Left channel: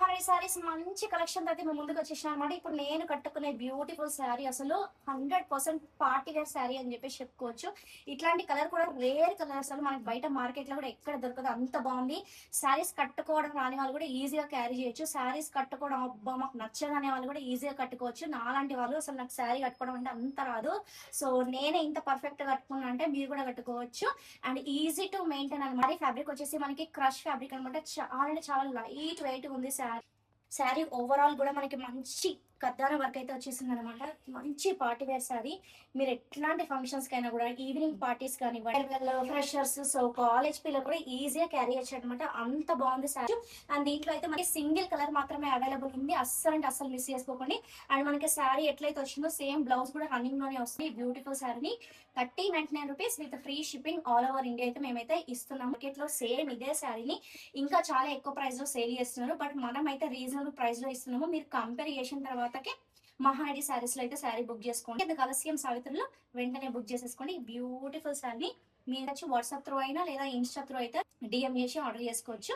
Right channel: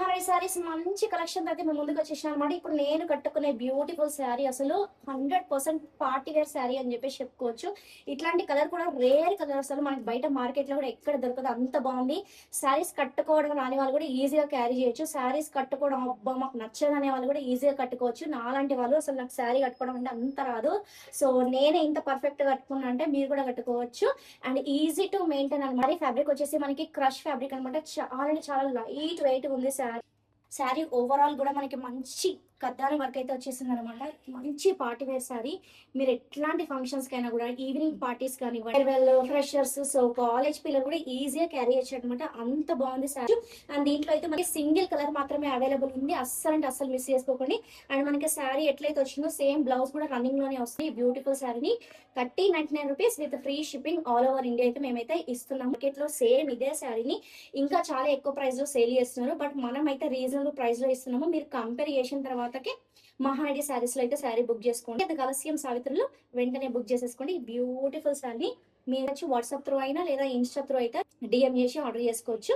మహారాణి శారీస్ మంచి కలెక్షన్ అయితే మేము ముందుకు వచ్చేసిన అనమాట. ఇప్పుడు నేను కట్టుకునే బ్యూటిఫుల్ శారీ అసలు 100% పార్టీ వేర్ శారీ అని చెప్పేసి చెప్పుకోవచ్చు. ఇట్లాంటి కలర్ కూడా రేర్ కలర్, అసలు మనకి బయట మార్కెట్ లో కూడా ఎక్కడ దొరకదు, అంత బాగుంది. శారీస్ కట్టుకోవడం రాని వాళ్ళు కూడా ఈజీగా క్యారీ చేయొచ్చు. శారీస్ కట్టుకోవడం అబ్బా మాకు నచ్చదనే వాళ్ళు కూడా ఈజీగా కట్టుకోవచ్చు. నాలాంటి వాళ్ళు అసలు నాకు శారీ కట్టుకోవడం అంటే అంత రాదు. సో నేనే ఇంత పర్ఫెక్ట్ గా కట్టుకున్నా అంటే మీరు కూడా కట్టుకోవచ్చు. అండ్ ఈజీ టు మెయింటైన్ అనమాట. ఫ్యాబ్రిక్ వచ్చేసి మనకి క్రష్ ఫ్యాబ్రిక్ అనమాట. చాలా అంటే చాలా లైట్ వెయిట్ ఉంది శారీ ఓవరాల్ కూడా మనకి మంచి కద్దాల వర్క్ అయితే వచ్చేసింది అనమాట. మంచి పార్టీ వేర్ శారీ. మీరు ఎట్లాంటి ఫంక్షన్స్ కైనా కూడా, ఈవినింగ్ పార్టీస్ కానీ, ఫ్రెషర్స్, సో కాలేజ్ పిల్లలు కూడా ఈజీగా క్యారీ చేయొచ్చు అనమాట. అంత బాగుంది శారీ. అండ్ దీంట్లో అయితే మనకి సింగిల్ కలర్ మాత్రమే అవైలబుల్ ఉంది. అస్సలు అంటే అస్సలు మిస్ చేసుకోకండి. అండ్ మనకి శారీ ఎట్లయితే వచ్చిందో సేమ్ బ్లౌజ్ కూడా రన్నింగ్ లోనే వస్తుంది. బ్యూటిఫుల్ శారీని 3099 rupees with free shipping all over India అయితే మేమైతే ఇస్తున్నాం. మార్కెట్ లో సేమ్ ఇదే శారీని ఇంకా చాలా ఎక్కువ ప్రైస్ లో సేల్ చేస్తున్నారు, బట్ మనం అయితే రీజనబుల్ ప్రైస్ లో ఇస్తున్నాము. మీరు కంపేర్ చేసిన తర్వాతకే మహానటి శారీస్ లో అయితే శారీ బుక్ చేసుకోండి. అది కలసియం సావిత్రిలో వెంటనే బుక్ చేసేసుకోండి. బ్యూటిఫుల్ శారీ మీరు వాట్సాప్ త్రూ అయినా లేదా ఇన్స్టా త్రూ అయితే డిఎం చేసి ఆర్డర్ చేసుకోవచ్చు.